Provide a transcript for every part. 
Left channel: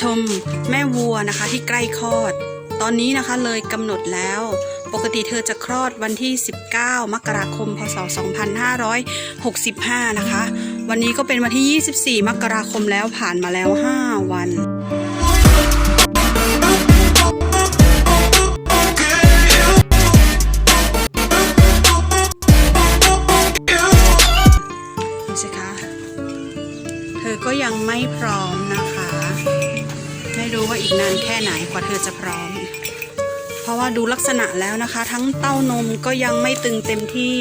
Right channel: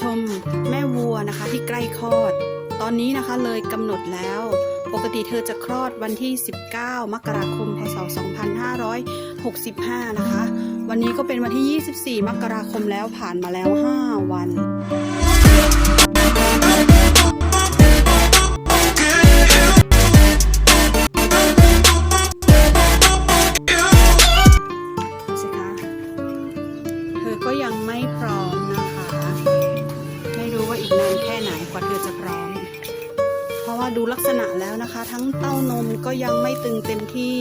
ชมแม่วัวนะคะที่ใกล้คลอด ตอนนี้นะคะเลยกำหนดแล้ว ปกติเธอจะคลอดวันที่ 19 มกราคม พศ 2565 นะคะ วันนี้ก็เป็นวันที่ 24 มกราคมแล้วผ่านมาแล้ว 5 วัน ค่ไหนกว่าเธอจะพร้อม เพราะว่าดูลักษณะแล้วนะคะ ทั้งเต้านมก็ยังไม่ตึงเต็มที่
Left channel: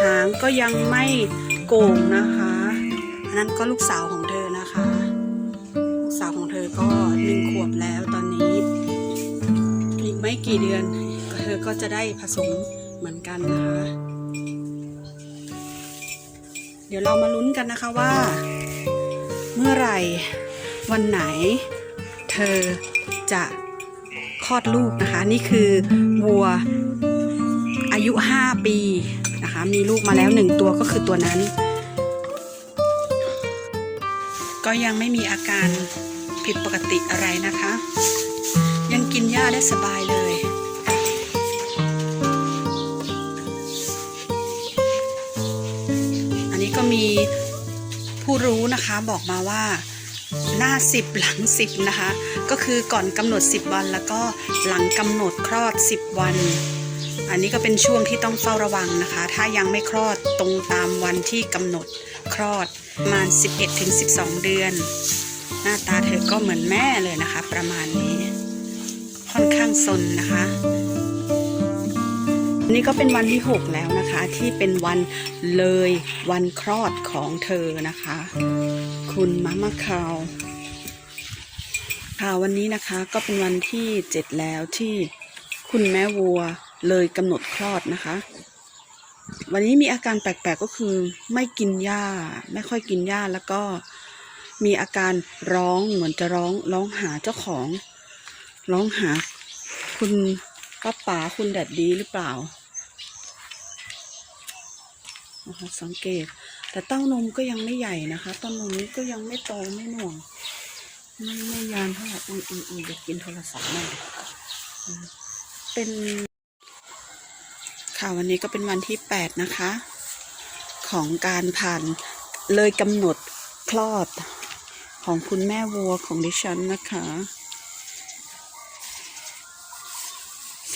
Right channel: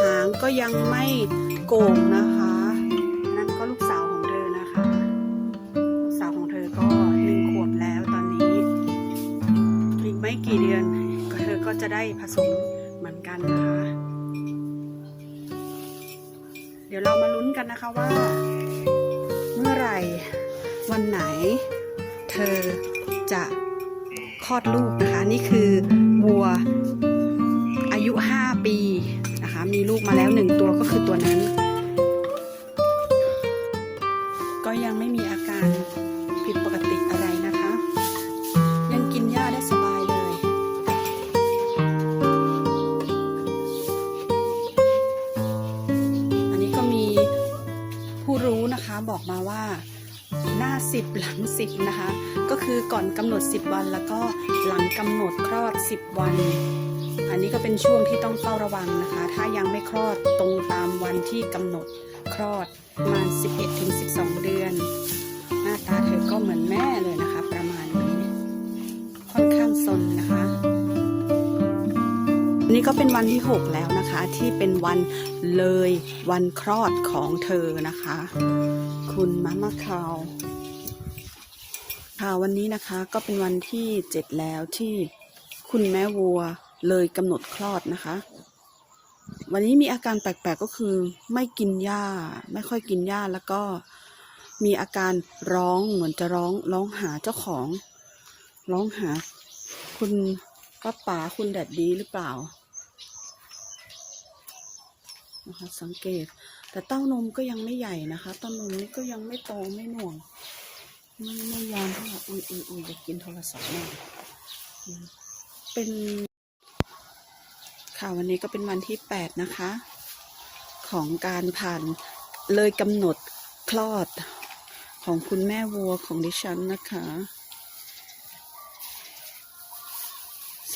หางก็ยังไม่โก่งนะคะอันนั้นก็ลูกสาวของเธอนะคะลูกสาวของเธอก็หนึ่งขวบแล้วตอนนี้อีกไม่กี่เดือนเธอก็จะได้ผสมเหมือนกันนะคะ เดี๋ยวเรามาลุ้นกันนะคะว่า เมื่อไหร่วันไหน เธอ จะคลอดลูกนะคะ นี่คือวัวอายุ 5 ปีนะคะ มีลูกมาแล้วหนึ่งตัวก็คือตัวนั้น ก็ยังไม่มีอาการผิดปกติอะไรนะคะ ยังกินหญ้าได้สบายเลย อันนี้ก็มีผู้รู้นะคะบอกมาว่า หน้า 10 หลัง 10 นะคะ ก็คือก่อนกำหนด 10 วัน แล้วก็หลังกำหนดคลอด 10 วัน อันนี้ก็เป็นช่วงที่ต้องเฝ้าระวังนะคะ ถ้ายังไม่คลอดตรงตามวันที่กำหนดคลอดประมาณ 11-12 เดือน หน้าตาเธอก็เหมือนแม่เลยนะคะ ประมาณนี้ ค่อนข้างสนนะคะอันนี้ก็เป็นวันที่ 6 แล้วนะคะ ที่เป็นวันเลยวันคลอดของเธอนะคะ คุณมะมะคาวค่ะวันนี้นะคะก็เป็นวันที่7แล้วที่คุณแม่วัวเลยกำหนดคลอดนะคะ วันนี้มีอาการแปลกๆก็คือไม่กินหญ้า ไม่ค่อยกินหญ้าแล้วก็มีอาการร้องเหมือนจะร้องร้องหาเจ้าของ ร้องหา คุณป้าป๋าคุณแดดดีหรือเปล่านะคะสังเกต แต่เต้านมก็ยังไม่ใหญ่นะคะเต้านมนี้ก็ยังไม่โตไม่หน่วง ไม่ไม่ยานเท่าไหร่อืออืออือเดี๋ยวกินโทรศัพท์หน่เป็นค่ะวันนี้ก็เป็นวันที่แปดนะคะ ของการผ่านเลยกำหนดคลอดของคุณแม่วัวของดิฉันนะคะ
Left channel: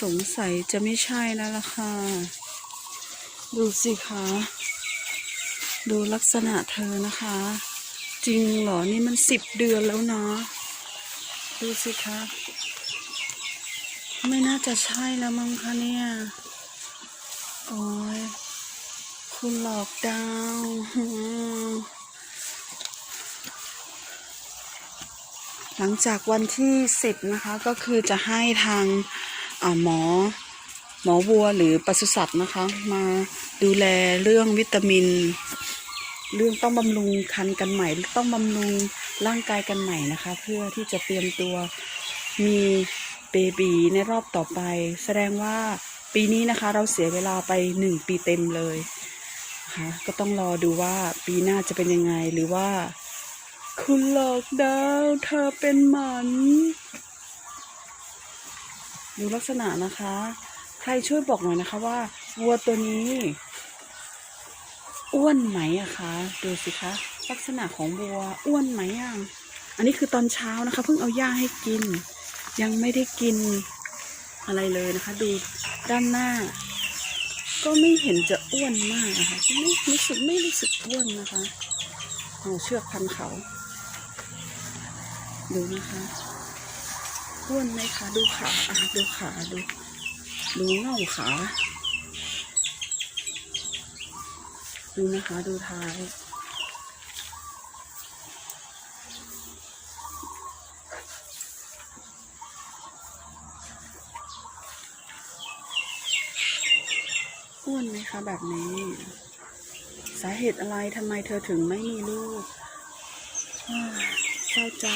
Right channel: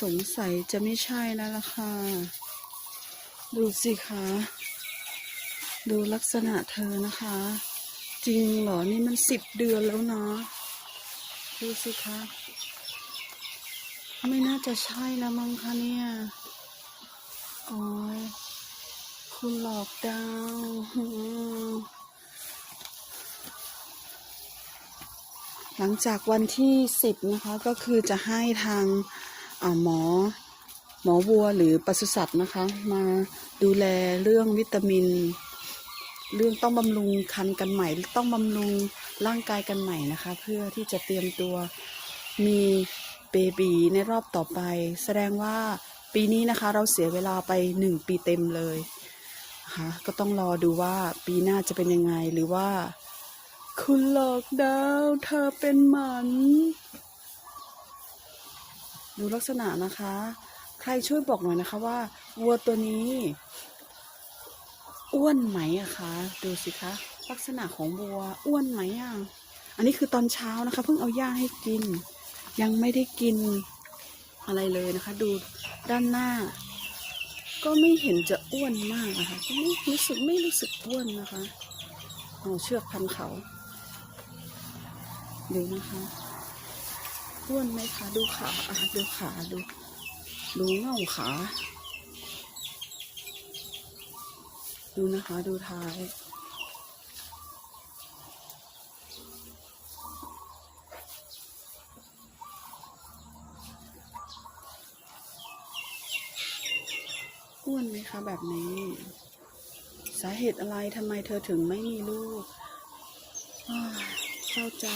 สงสัยจะไม่ใช่แล้วล่ะค่ะ ดูสิคะ ดูลักษณะเธอนะคะ จริงเหรอ นี่มันสิบเดือนแล้วเนาะ ดูสิคะ ไม่น่าจะใช่แล้วมั้งคะเนี่ย โอ้ยคุณหลอกดาวหลังจากวันที่สิบนะคะก็คือจะให้ทางหมอหมอวัวหรือปศุสัตว์นะคะ มาดูแลเรื่องวิตามิน เรื่องต้องบำรุงคันกันใหม่ ต้องบำรุงร่างกายกันใหม่นะคะ เพื่อที่จะเตรียมตัวมีเบบีในรอบต่อไป แสดงว่าปีนี้นะคะ เราเสียเวลาไปหนึ่งปีเต็มเลยนะคะก็ต้องรอดูว่าปีหน้าจะเป็นยังไงหรือว่า คุณหลอกดาวเธอเป็นหมันดูลักษณะนะคะ ใครช่วยบอกหน่อยนะคะว่า วัวตัวนี้ อ้วนไหมอะคะ ดูสิคะ ลักษณะของวัวอ้วนไหมอะอันนี้คือตอนเช้านะคะ เพิ่งเอาหญ้าให้กิน ยังไม่ได้กินอะไรเลยนะคะ ดูด้านหน้า ก็ไม่เห็นจะอ้วนมากนะคะไม่รู้สึกไม่รู้สึกอ้วนนะคะเอาเชือกพันเขาดูนะคะอ้วนไหมคะดูขาดูขาดูดูเงาขา ดูนะคะดูท้าย อ้วนไหมคะแบบนี้ สาเหตุอะไรทำไมเธอถึงไม่มีลูกอ้าเศร้าใจ